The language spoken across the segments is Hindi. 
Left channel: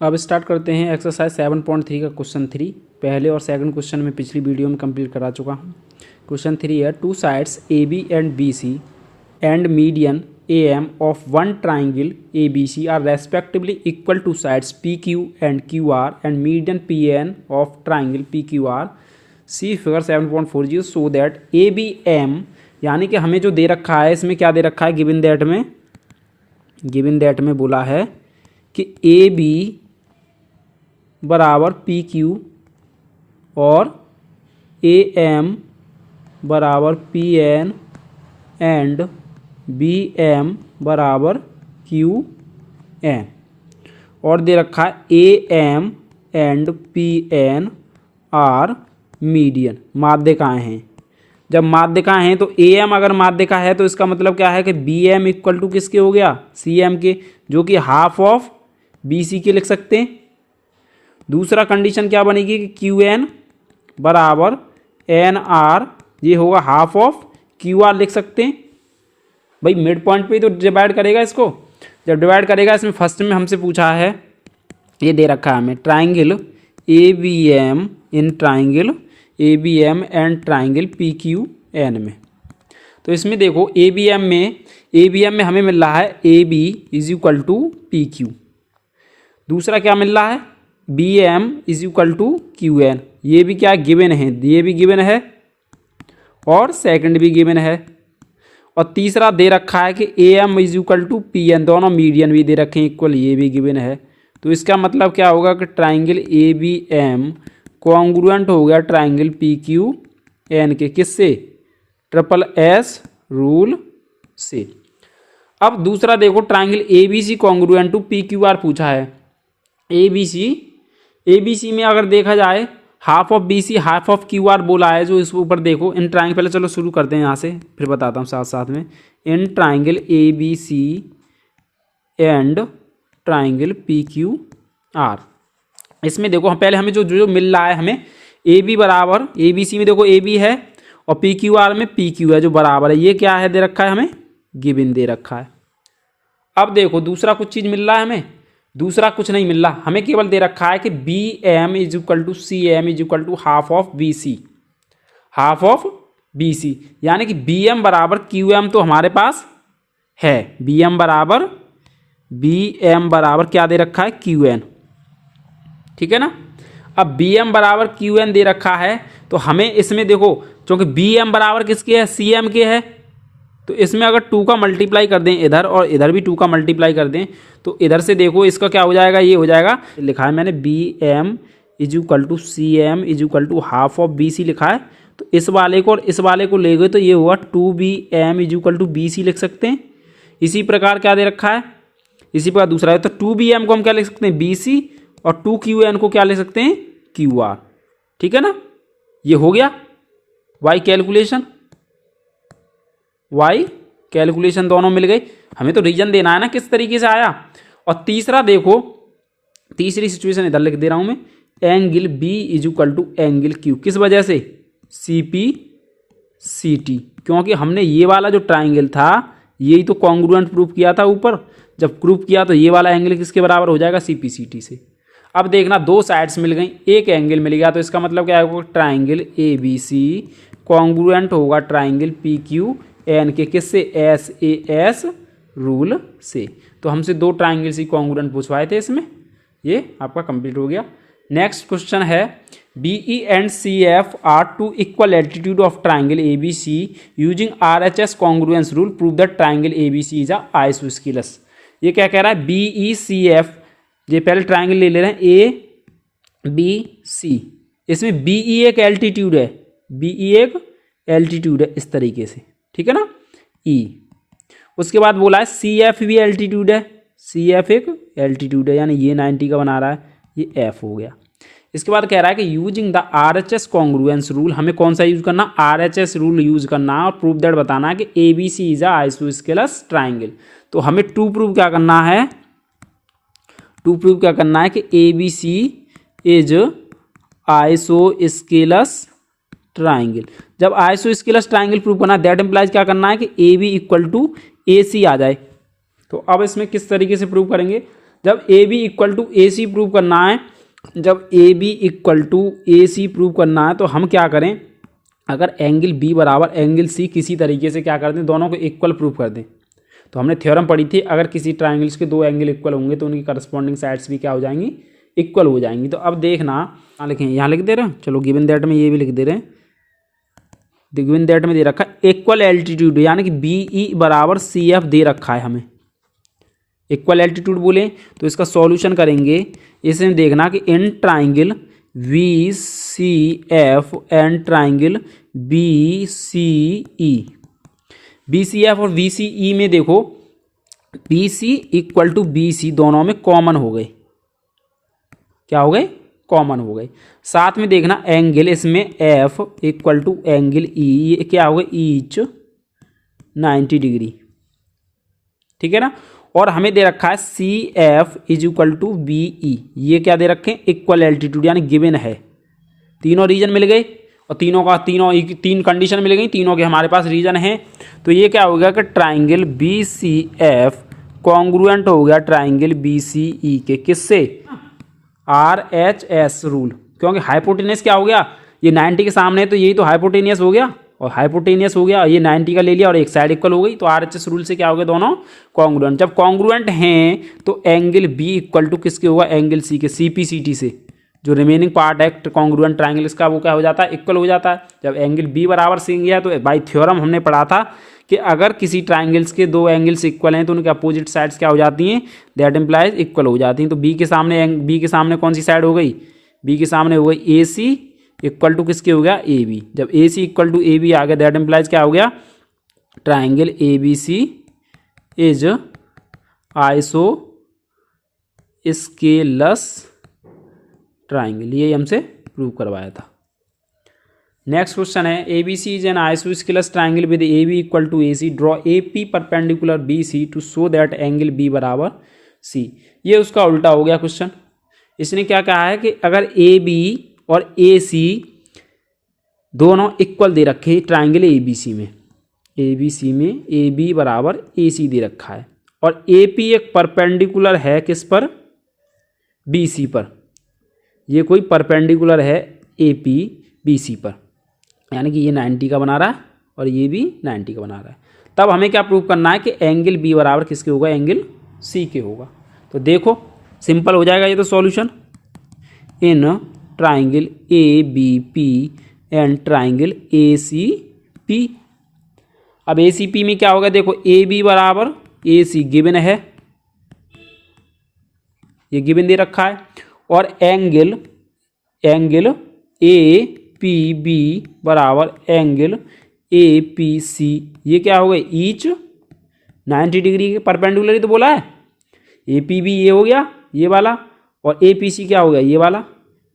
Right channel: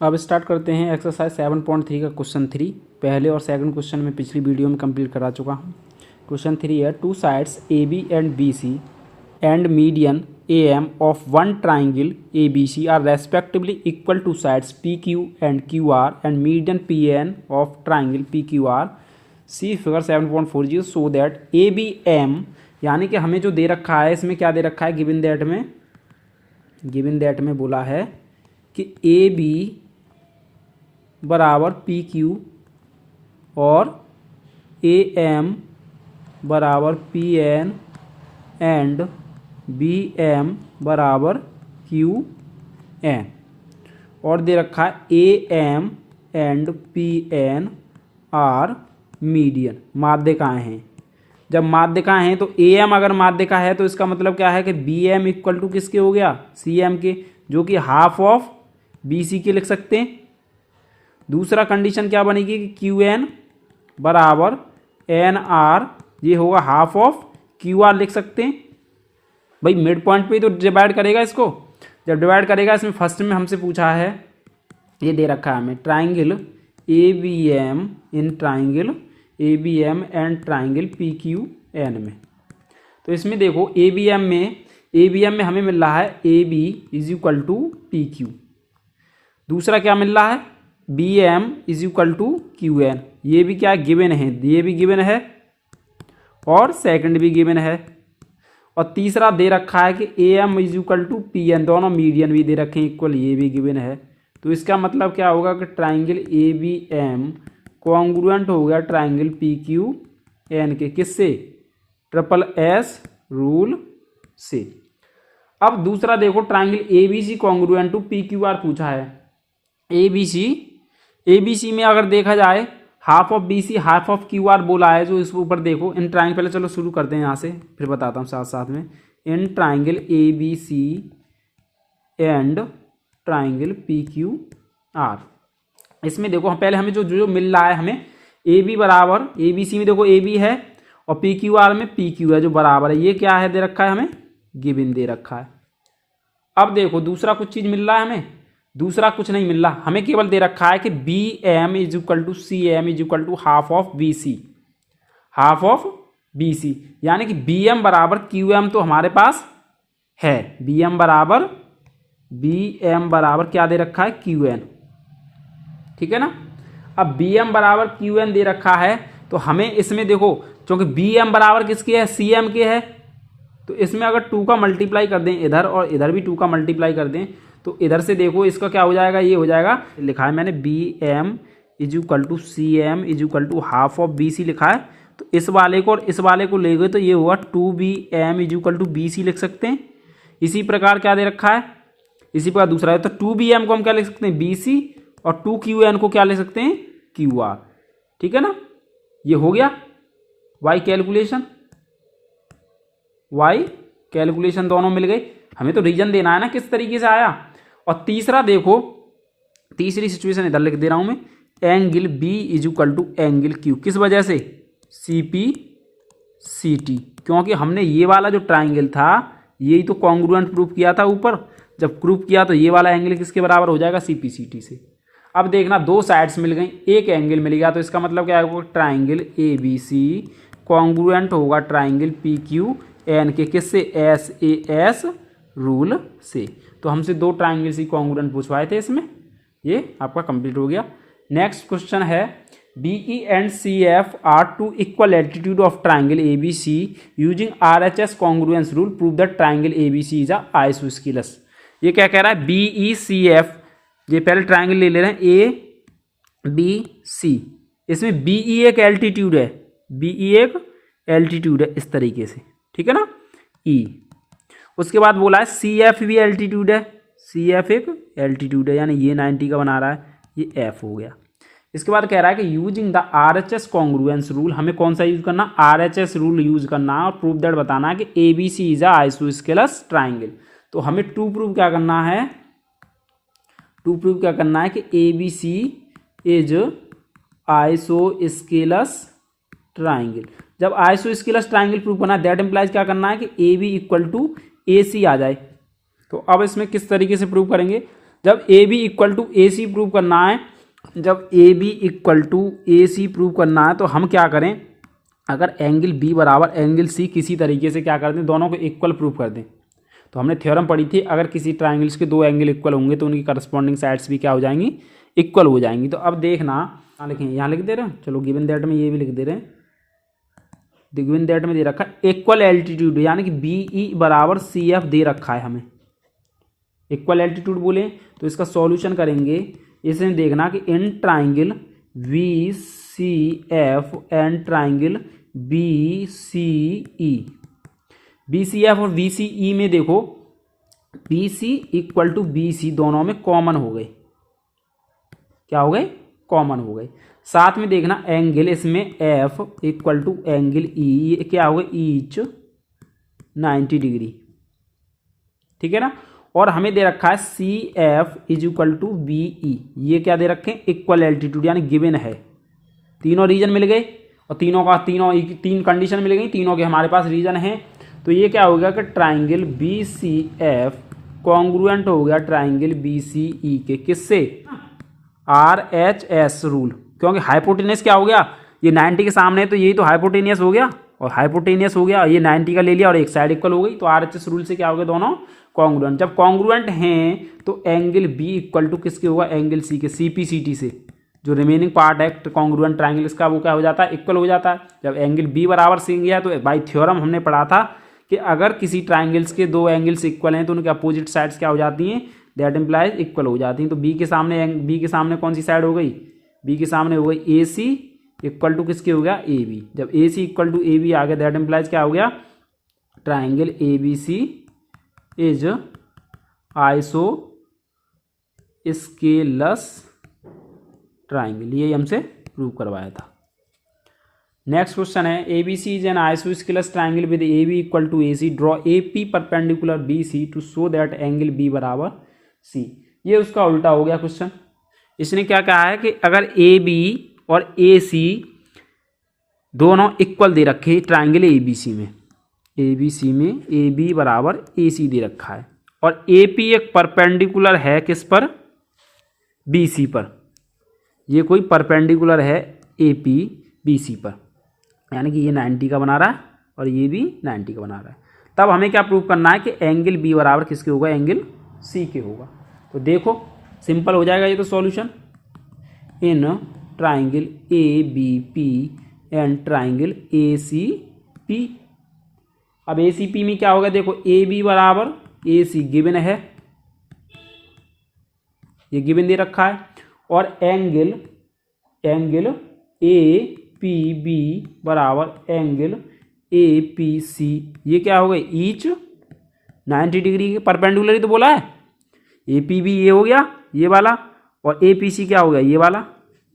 अब स्टार्ट करते हैं एक्सरसाइज 7.3 का क्वेश्चन 3। पहले और सेकंड क्वेश्चन में पिछली वीडियो में कंप्लीट करा चुका हूँ। क्वेश्चन 3 है, two sides A B and B C and median A M of one triangle A B C are respectively equal to sides P Q and Q R and median P N of triangle P Q R see figure 7.40 so that A B M, यानी कि हमें जो दे रखा है इसमें क्या दे रखा है, गिवन दैट में बोला है कि ए बी बराबर पी क्यू और ए एम बराबर P N and B M बराबर क्यू एन, और दे रखा है A M and P N are median, माध्यिकाएँ हैं। जब माध्यिकाएँ हैं तो ए एम अगर माध्यिका है तो इसका मतलब क्या है कि बी एम इक्वल टू किसके हो गया, सी एम के, जो कि हाफ ऑफ बी सी के लिख सकते हैं। दूसरा कंडीशन क्या बनेगी कि क्यू एन बराबर एन आर, ये होगा हाफ ऑफ क्यू आर लिख सकते हैं। भाई मिड पॉइंट पे तो डिवाइड करेगा इसको, जब डिवाइड करेगा इसमें फर्स्ट में हमसे पूछा है, ये दे रखा है हमें triangle A B M in triangle A B M and triangle P Q N में। तो इसमें देखो ए बी एम में हमें मिल रहा है A B is equal to P Q. दूसरा क्या मिल रहा है, B M is equal to Q N, ये भी क्या गिवन है, ये भी गिवन है और सेकंड भी गिवन है। और तीसरा दे रखा है कि A M is equal to P N, दोनों मीडियन भी दे रखे हैं इक्वल, ये भी गिवन है। तो इसका मतलब क्या होगा कि triangle A B M congruent हो गया ट्राइंगल पी क्यू एन के, किससे, ट्रिपल एस रूल से। अब दूसरा देखो triangle A B C congruent to P Q R पूछा है। ए बी सी में अगर देखा जाए half of B C half of Q R बोला है, जो इस ऊपर देखो इन ट्राइंगल, पहले चलो शुरू करते हैं यहाँ से फिर बताता हूँ साथ साथ में। In triangle A B C and triangle P Q R, इसमें देखो पहले हमें जो मिल रहा है, हमें ए बी बराबर, ए बी सी में देखो ए बी है और पी क्यू आर में पी क्यू है जो बराबर है, ये क्या है दे रखा है, हमें गिवन दे रखा है। अब देखो दूसरा कुछ चीज़ मिल रहा है हमें, दूसरा कुछ नहीं मिल रहा, हमें केवल दे रखा है कि B M is equal to C M is equal to half of B C, half of B C, यानी कि बी एम बराबर क्यू एम तो हमारे पास है, बी एम बराबर क्या दे रखा है, क्यू एन, ठीक है ना। अब बी एम बराबर क्यू एन दे रखा है तो हमें इसमें देखो, क्योंकि बी एम बराबर किसके है, सी एम के है, तो इसमें अगर 2 का मल्टीप्लाई कर दें इधर और इधर भी 2 का मल्टीप्लाई कर दें तो इधर से देखो इसका क्या हो जाएगा, ये हो जाएगा, लिखा है मैंने B M is equal to C M is equal to half of B C लिखा है। तो इस वाले को और इस वाले को ले गए तो ये हुआ 2 BM is equal to B C लिख सकते हैं। इसी प्रकार क्या दे रखा है, इसी प्रकार दूसरा है, तो 2 BM को हम क्या लिख सकते हैं, बी सी, और 2 QN को क्या ले सकते हैं, क्यू आर, ठीक है ना। ये हो गया वाई कैलकुलेशन दोनों मिल गई। हमें तो रीजन देना है ना किस तरीके से आया। और तीसरा देखो, तीसरी सिचुएशन इधर लिख दे रहा हूं मैं, angle B is equal to angle Q, किस वजह से, सी पी सी टी, क्योंकि हमने ये वाला जो ट्राइंगल था यही तो कॉन्ग्रुएंट प्रूफ किया था ऊपर, जब प्रूफ किया तो ये वाला एंगल किसके बराबर हो जाएगा, सी पी सी टी से। अब देखना दो साइड्स मिल गई, एक एंगल मिल गया, तो इसका मतलब क्या होगा, triangle A B C congruent होगा ट्राइंगल पी क्यू एन के, किससे, एस ए एस रूल से। तो हमसे 2 ट्राइंगल सी कॉन्ग्रुएंट पूछवाए थे इसमें, ये आपका कंप्लीट हो गया। नेक्स्ट क्वेश्चन है, B E and C F are 2 equal altitude of triangle A B C using R H S congruence rule prove that triangle A B C is a isosceles. ये क्या कह रहा है, बी ई सी एफ, ये पहले ट्राइंगल ले रहे हैं ए बी सी, इसमें बी ई एक एल्टीट्यूड है, बी ई एक एल्टीट्यूड है इस तरीके से, ठीक है ना, ई। उसके बाद बोला है सी एफ भी एल्टीट्यूड है, सी एफ एक एल्टीट्यूड है, यानी ये 90 का बना रहा है, ये एफ हो गया। इसके बाद कह रहा है कि using the R H S congruence rule, हमें कौन सा यूज करना, R H S rule use करना और प्रूव दैट बताना है कि A B C is a isosceles triangle. तो हमें टू प्रूव क्या करना है कि A B C is isosceles triangle. जब आइसोस्केलस ट्राइंगल प्रूव करना है, दैट इंप्लाइज क्या करना है कि A B equal to A C आ जाए। तो अब इसमें किस तरीके से प्रूव करेंगे, जब A B equal to A C prove करना है, जब A B equal to A C prove करना है तो हम क्या करें, अगर एंगल बी बराबर एंगल सी किसी तरीके से क्या कर दें, दोनों को इक्वल प्रूव कर दें। तो हमने थ्योरम पढ़ी थी, अगर किसी ट्रायंगल्स के दो एंगल इक्वल होंगे तो उनकी करस्पॉन्डिंग साइड्स भी क्या हो जाएंगी, इक्वल हो जाएंगी। तो अब देखना, यहाँ लिखें, यहाँ लिख दे रहे हैं, चलो गिवन दैट में ये भी लिख दे रहे हैं, गिवन दैट में दे रखा है इक्वल एल्टीट्यूड, यानी कि बी ई बराबर सी एफ दे रखा है हमें। इक्वल एल्टीट्यूड बोले तो इसका सॉल्यूशन करेंगे, इसमें देखना कि in triangle V C F and triangle B C E, B C F और बी सी ई में देखो B C equal to B C दोनों में कॉमन हो गए, क्या हो गए, कॉमन हो गए। साथ में देखना एंगल इसमें F equal to angle E, क्या हो गए, ईच 90 डिग्री, ठीक है ना। और हमें दे रखा है C F is equal to B E, ये क्या दे रखे हैं, इक्वल एल्टीट्यूड यानी गिवन है। तीनों रीजन मिल गए और तीन कंडीशन मिल गई, तीनों के हमारे पास रीजन हैं। तो ये क्या हो गया कि triangle B C F congruent हो गया ट्राइंगल बी सी ई के, किससे, आर एच एस रूल, क्योंकि हाइपोटेनियस क्या हो गया, ये 90 के सामने है तो यही तो हाइपोटेनियस हो गया, और हाइपोटेनियस हो गया, ये 90 का ले लिया और एक साइड इक्वल हो गई, तो आर एच एस रूल से क्या हो गया, दोनों कॉन्ग्रुएंट। जब कॉन्ग्रुएंट हैं तो एंगल बी इक्वल टू किसके होगा, एंगल सी के, सी पी सी टी से, जो रिमेनिंग पार्ट है कॉन्ग्रुएंट ट्राइंगल इसका वो क्या हो जाता है, इक्वल हो जाता है। जब एंगल बी बराबर सी गया तो बाई थ्योरम हमने पढ़ा था कि अगर किसी ट्राइंगल्स के दो एंगल्स इक्वल हैं तो उनके अपोजिट साइड्स क्या हो जाती हैं, दैट इम्प्लाइज इक्वल हो जाती हैं। तो बी के सामने कौन सी साइड हो गई, बी के सामने हो गई ए सी इक्वल टू किसके हो गया, ए बी। जब A C equal to A B आ गया दैट इम्प्लाइज क्या हो गया, triangle A B C is isosceles triangle, ये हमसे प्रूव करवाया था। नेक्स्ट क्वेश्चन है, A B C is an isosceles triangle with A B equal to A C, draw A P perpendicular B C to show that angle B बराबर सी। ये उसका उल्टा हो गया क्वेश्चन। इसने क्या कहा है कि अगर ए बी और ए सी दोनों इक्वल दे रखे ट्राइंगल ए बी सी में, ए बी सी में ए बी बराबर ए सी दे रखा है और ए पी एक परपेंडिकुलर है किस पर, बी सी पर, ये कोई परपेंडिकुलर है ए पी बी सी पर, यानी कि ये 90 का बना रहा है और ये भी 90 का बना रहा है। तब हमें क्या प्रूव करना है कि एंगल बी बराबर किसके होगा, एंगल सी के होगा। तो देखो सिंपल हो जाएगा ये तो solution, in triangle A B P and triangle A C P. अब ए सी पी में क्या होगा, देखो ए बी बराबर ए सी गिवन है, ये गिवन दे रखा है, और एंगल ए पी बी बराबर एंगल ए पी सी, ये क्या हो गया, ईच 90 डिग्री के परपेंडिकुलर ही तो बोला है। ए पी बी ये हो गया ये वाला, और ए पी सी क्या हो गया, ये वाला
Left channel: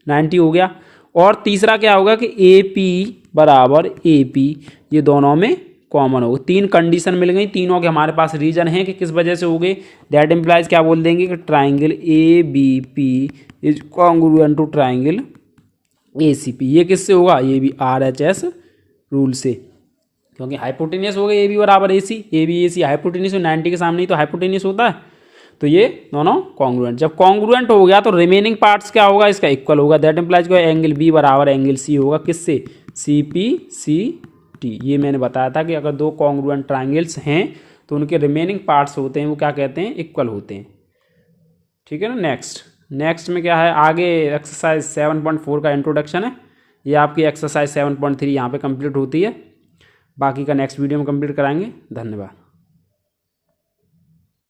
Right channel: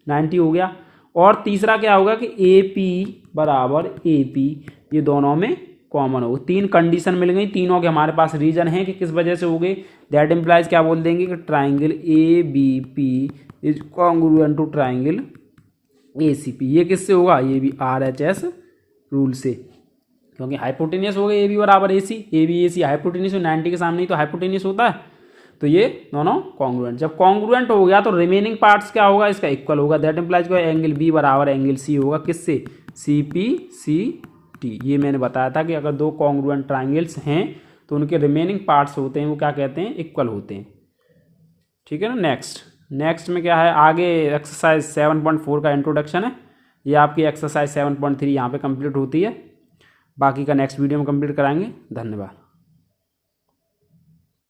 90 हो गया। और तीसरा क्या होगा कि ए पी बराबर ए पी, ये दोनों में कॉमन हो गए। तीन कंडीशन मिल गई, तीनों के हमारे पास रीजन है कि किस वजह से हो गए, दैट इम्प्लाइज क्या बोल देंगे कि triangle A B P is congruent to triangle A C P. ये किससे होगा, ये भी आर एच एस रूल से, क्योंकि हाइपोटेनियस हो गए ए बी बराबर ए सी हाइपोटेनियस 90 के सामने ही तो हाइपोटेनियस होता है, तो ये दोनों कॉन्ग्रुएंट। जब कॉन्ग्रुएंट हो गया तो रिमेनिंग पार्ट्स क्या होगा, इसका इक्वल होगा, दैट इम्प्लाइज क्या, एंगल बी बराबर एंगल सी होगा किससे, सी पी सी टी। ये मैंने बताया था कि अगर दो कॉन्ग्रुएंट ट्राइंगल्स हैं तो उनके रिमेनिंग पार्ट्स होते हैं वो क्या कहते हैं, इक्वल होते हैं, ठीक है ना। नेक्स्ट में क्या है, आगे एक्सरसाइज 7.4 का इंट्रोडक्शन है, ये आपकी एक्सरसाइज 7.3 यहाँ पे कंप्लीट होती है, बाकी का नेक्स्ट वीडियो में कंप्लीट कराएंगे। धन्यवाद।